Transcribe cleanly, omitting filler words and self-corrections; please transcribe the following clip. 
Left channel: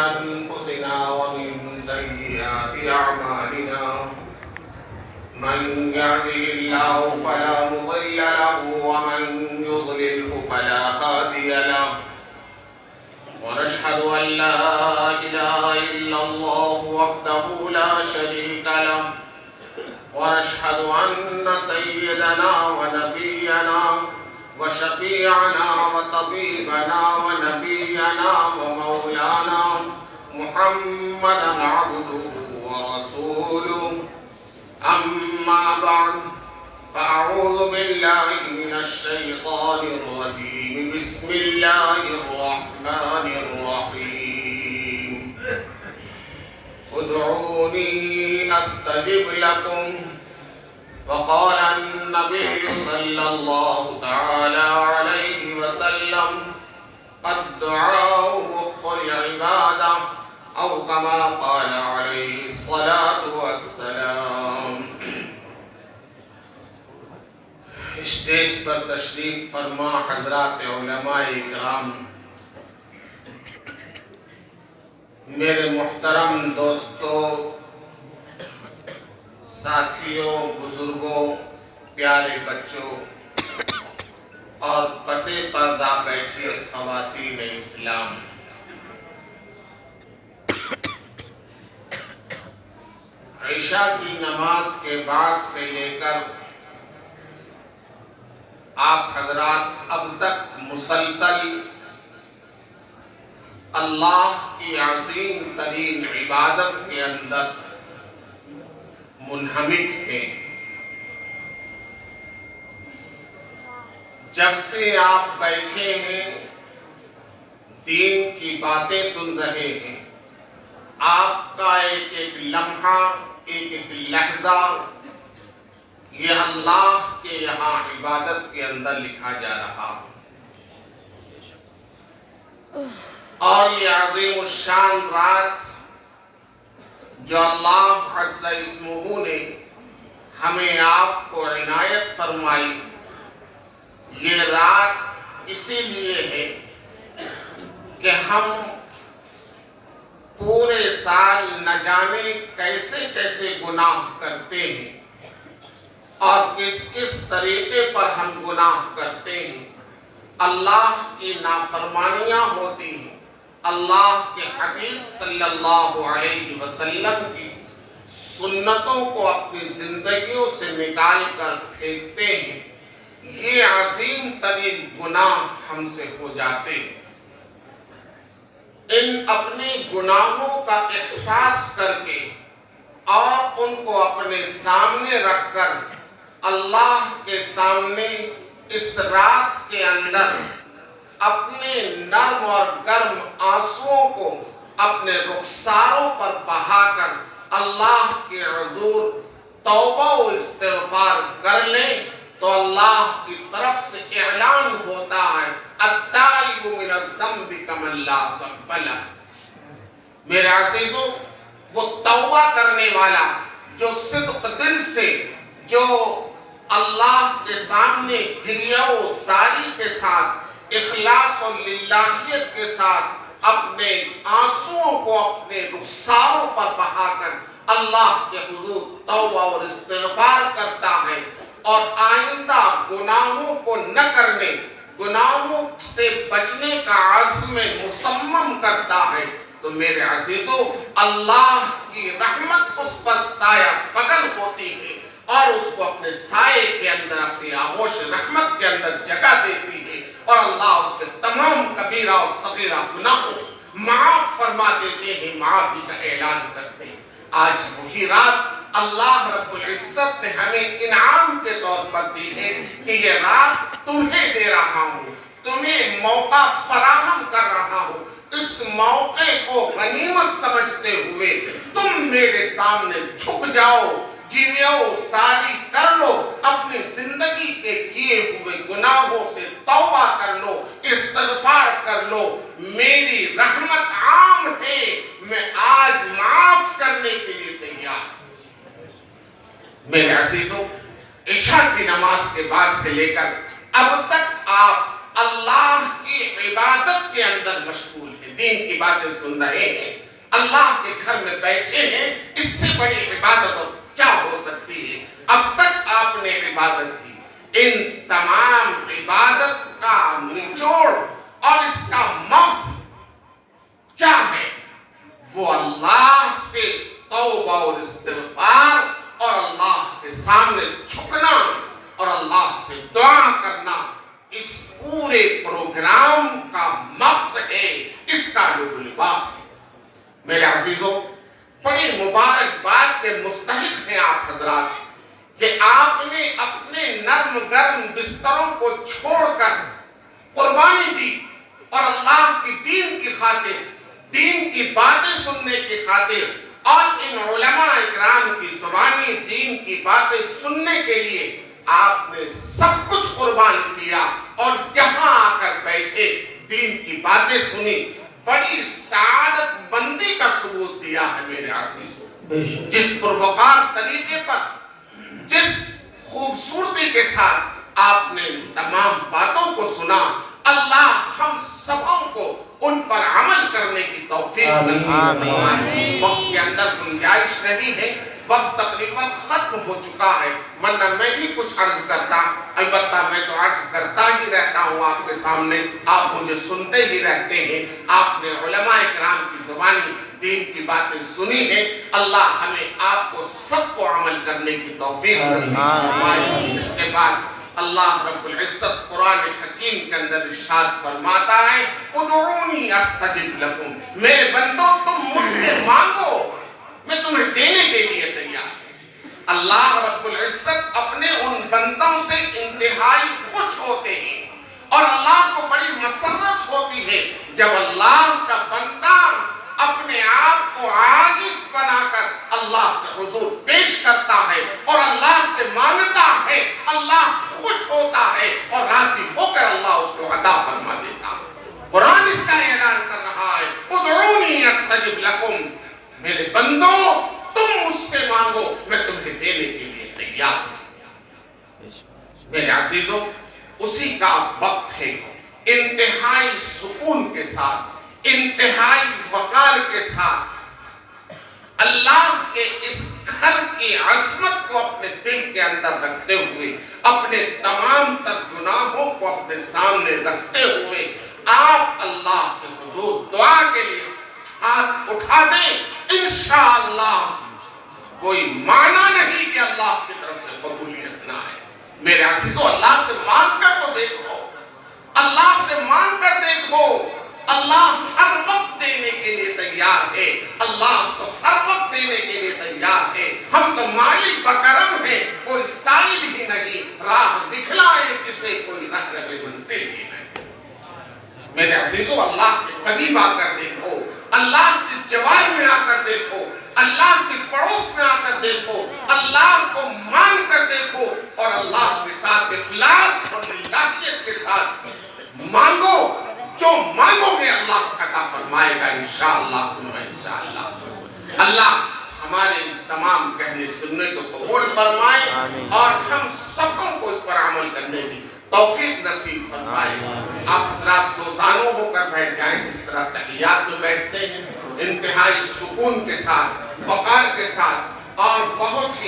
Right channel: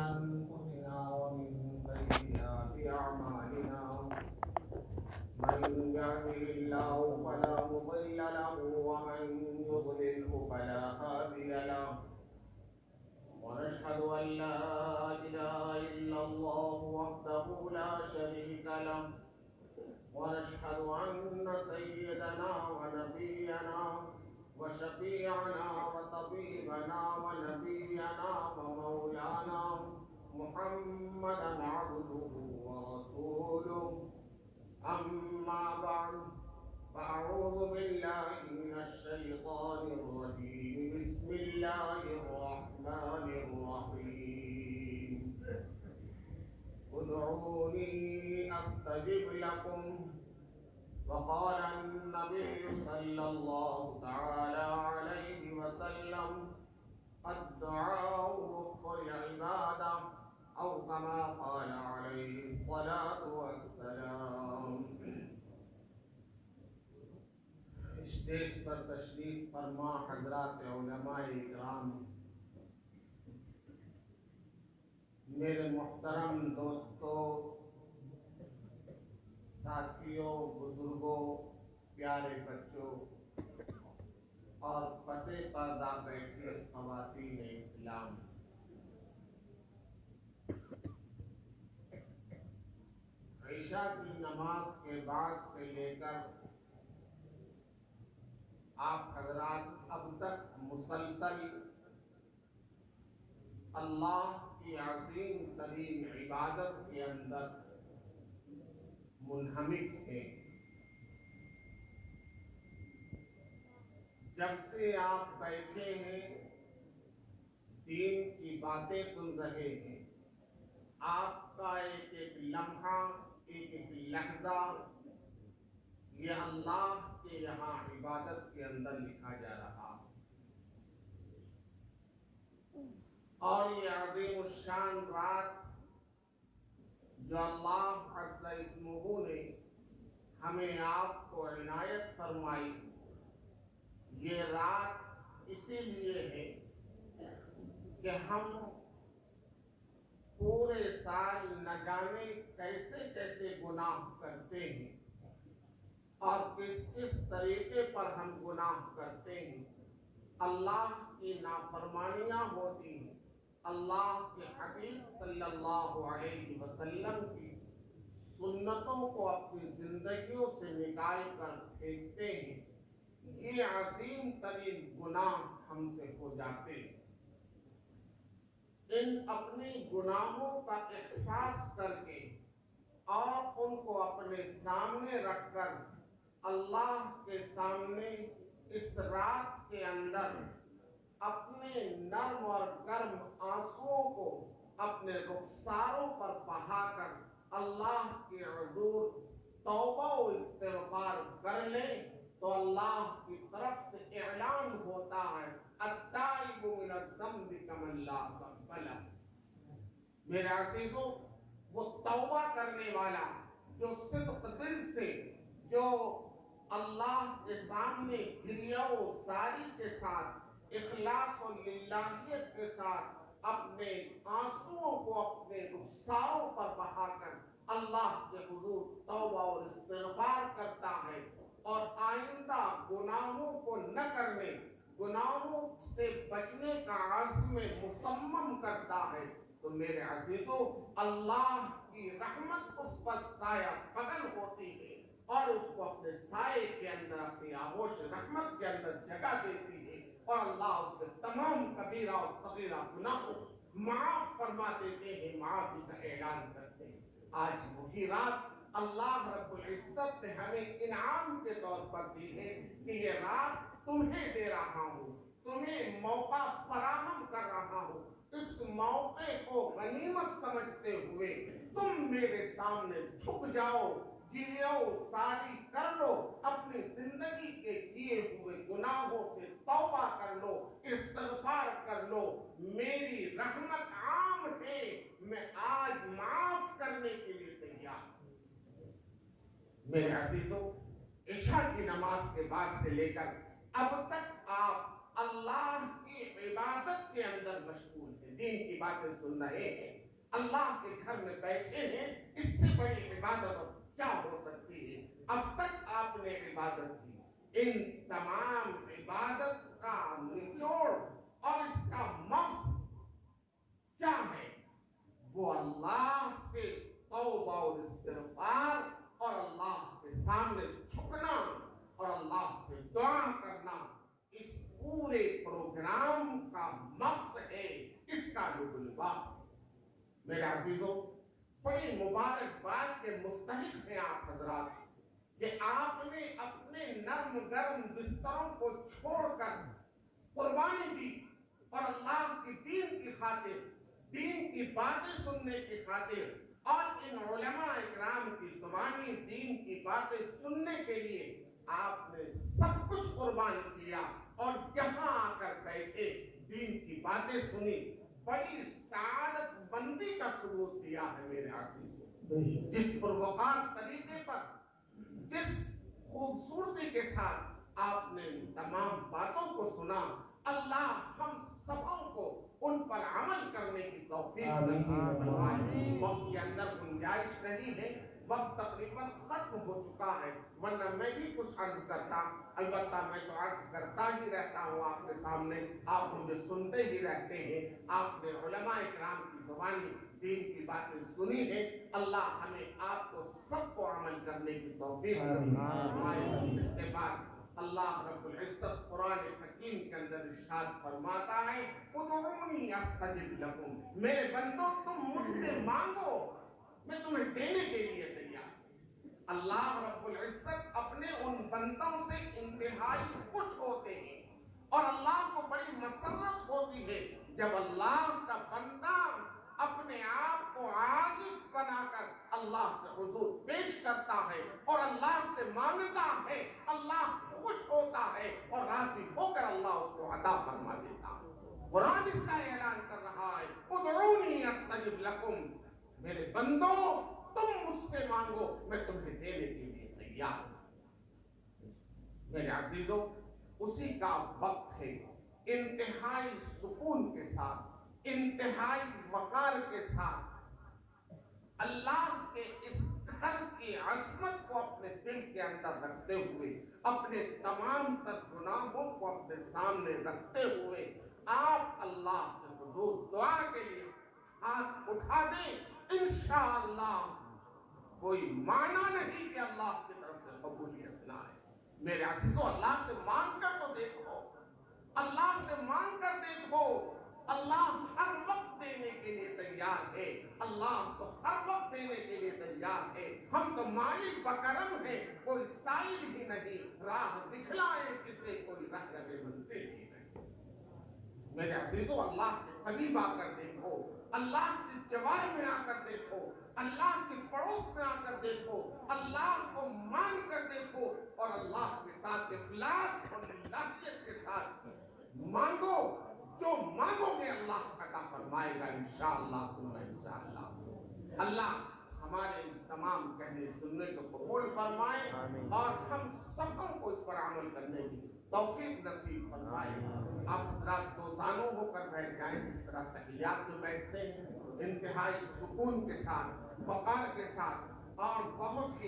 أنفسنا ومن سيئات أعمالنا من يهده الله فلا مضل له ومن يضلله فلا هادي له ونشهد أن لا إله إلا الله وحده لا شريك له ونشهد أن سيدنا ونبينا وشفيعنا وطبيبنا ونبينا ومولانا محمدا عبده ورسوله أما بعد فأعوذ بالله من الشيطان الرجيم بسم الله الرحمن الرحيم ادعوني أستجب لكم وقال النبي صلى الله تعالى عليه وسلم الدعاء مخ العبادة أو كما قال عليه الصلاة والسلام. اسٹیج پر تشریف فرما حضرات علماء کرام، میرے محترم دوستوں، ساتھیوں، بزرگوں، پیارے بچوں اور پسے پردہ بیٹھی خواتین اسلام، عشاء کی نماز کے بعد سے لے کر آپ حضرات اب تک مسلسل اللہ کی عظیم ترین عبادت کے اندر منہمک ہیں. جب سے آپ بیٹھے ہیں دین کی باتیں سن رہے ہیں، آپ کا ایک ایک لمحہ، ایک ایک لحظہ یہ اللہ کے یہاں عبادت کے اندر لکھا جا رہا، اور یہ عظیم الشان رات جو اللہ عز اسمہ نے ہمیں آپ کو عنایت فرمائی، یہ رات اسی لیے ہے کہ ہم پورے سال نہ جانے کیسے کیسے گناہ کرتے ہیں اور کس کس طریقے پر ہم گناہ کرتے ہیں. اللہ کی نافرمانیاں ہوتی ہیں، اللہ کے حبیب صلی اللہ علیہ وسلم کی سنتوں کو اپنی زندگیوں سے نکال کر پھینکتے ہیں. یہ عظیم ترین گناہ ہم سے ہو جاتے ہیں. ان اپنے گناہوں کا احساس کر کے اور ان کو اپنے سامنے رکھ کر اللہ کے سامنے اس رات کے اندر اپنے نرم اور گرم آنسوؤں کو اپنے رخساروں پر بہا کر اللہ کے حضور توبہ و استغفار کر لیں تو اللہ کی طرف سے اعلان ہوتا ہے التائب من الذنب کمن لا ذنب لہ. میرے عزیزوں، وہ توبہ کرنے والا جو صدق دل سے، جو اللہ کے سامنے گریہ و زاری کے ساتھ، اخلاص و للہیت کے ساتھ اپنے آنسوؤں کو اپنے رخساروں پر بہا کر اللہ کے حضور توبہ اور استغفار کرتا ہے اور آئندہ گناہوں کو نہ کرنے، گناہوں سے بچنے کا عزم مصمم کرتا ہے، تو میرے عزیزوں اللہ کی رحمت اس پر سایہ فگن ہوتی ہے اور اس کو اپنے سائے کے اندر، اپنی آغوش رحمت کے اندر جگہ دیتی ہے اور اللہ اس کے تمام کبیرہ اور صغیرہ گناہوں معاف فرما دیتے ہیں، معافی کا اعلان کرتے ہیں. آج وہی رات اللہ رب العزت نے ہمیں انعام کے طور پر دی ہے کہ یہ رات تمہیں دے رہا ہوں، تمہیں موقع فراہم کر رہا ہوں. اس موقع کو غنیمت سمجھتے ہوئے تم میرے سامنے جھک جاؤ، گریہ و زاری کر لو، اپنی زندگی کے کیے ہوئے گناہوں سے توبہ کر لو، استغفار کر لو. میری رحمت عام ہے، میں آج معاف کرنے کے لیے تیار. میرے عزیزوں، عشاء کی نماز کے بعد سے لے کر اب تک آپ اللہ کی عبادت کے اندر مشغول ہیں. دین کی باتیں سن رہے ہیں، اللہ کے گھر میں بیٹھے ہیں، اس سے بڑی عبادت کیا ہو سکتی ہے؟ اب تک آپ نے عبادت کی، ان تمام عبادت کا نچوڑ اور اس کا مقصد کیا ہے؟ وہ اللہ سے توبہ اور استغفار اور اللہ کے سامنے جھکنا اور اللہ سے دعا کرنا، اس پورے پروگرام کا مقصد ہے، اس کا جو لباس ہے۔ میرے عزیزوں، بڑی مبارکباد کے مستحق ہیں آپ حضرات کہ آپ نے اپنے نرم گرم بستروں کو چھوڑ کر قربانی دی اور اللہ کی دین کی خاطر، دین کی باتیں سننے کی خاطر اور ان علماء اکرام کی زبانی دین کی باتیں سننے کے لیے آپ نے سب کچھ قربان کیا اور یہاں آ کر بیٹھے، دین کی باتیں سنی، بڑی سعادت مندی کا ثبوت دیا ہے میرے عزیزوں۔ جس پروقار طریقے پر، جس خوبصورتی کے ساتھ آپ نے تمام باتوں کو سنا، اللہ ہم سبوں کو ان پر عمل کرنے کی توفیق نصیب فرمائے۔ وقت کے اندر گنجائش نہیں ہے، وقت تقریباً ختم ہو چکا ہے، ورنہ میں بھی کچھ عرض کرتا، البتہ میں تو عرض کرتا ہی رہتا ہوں آپ کے سامنے، آپ مجھے سنتے ہی رہتے ہیں۔ آپ نے علماء اکرام کی زبانی دین کی باتیں سنی ہیں، اللہ ہمیں آپ کو سب کو عمل کرنے کی توفیق نصیب فرمائے۔ اس کے بعد اللہ رب العزت قرآن حکیم کے اندر ارشاد فرماتا ہے، ادعونی استجب لکم، میرے بندو تم مجھ سے مانگو، میں تمہیں دینے کے لیے تیار ہوں۔ اللہ رب العزت اپنے ان بندوں سے انتہائی خوش ہوتے ہیں اور اللہ کو بڑی مسرت ہوتی ہے جب اللہ کا بندہ اپنے آپ کو عاجز بنا کر اللہ کے حضور پیش کرتا ہے اور اللہ سے مانگتا ہے، اللہ خوش ہوتا ہے اور راضی ہو کر اللہ اس کو عطا فرما دیتا ہے۔ قرآن اس کا اعلان کر رہا ہے، ادعونی استجب لکم، میرے بندو تم مجھ سے مانگو، میں تمہیں دینے کے لیے تیار ہوں۔ میرے عزیزوں، اسی کا وقت ہے، انتہائی سکون کے ساتھ، انتہائی وقار کے ساتھ اللہ کے اس گھر کی عظمت کو اپنے دل کے اندر رکھتے ہوئے، اپنے تمام تر گناہوں کو اپنے سامنے رکھتے ہوئے آپ اللہ کے حضور دعا کے لیے ہاتھ اٹھا دیں، انشاءاللہ کوئی معنی نہیں کہ اللہ کی طرف سے قبولیت نہ ہے۔ میرے عزیزو، اللہ سے مانگ کر تو دیکھو، اللہ سے مانگ کر دیکھو، اللہ ہر وقت دینے کے لیے تیار ہے، اللہ تو ہر وقت دینے کے لیے تیار ہے۔ ہم تو مالک بکرم ہیں، کوئی سائل ہی نہیں، راہ دکھلائے جسے کوئی راہ رہے منزل ہی نہیں۔ میرے عزیزو، اللہ کے قریب آ کر دیکھو، اللہ کی جوار میں آ کر دیکھو، اللہ کی پڑوس میں آ کر دیکھو، اللہ کو مان کر دیکھو اور اللہ کے ساتھ اخلاص اور للہیت کے ساتھ مانگو، جو مانگو گے اللہ عطا فرمائے گا انشاءاللہ ثم انشاءاللہ۔ اللہ ہمارے تمام کہنے سننے کو قبول فرمائے اور ہم سبوں کو اس پر عمل کرنے کی توفیق نصیب فرمائے۔ آپ حضرات دوستانوں ہو کر بیٹھ جائیں، اس طرح تحیات میں بیٹھتے ہیں، انتہائی سکون کے ساتھ، وقار کے ساتھ اور بہت ہی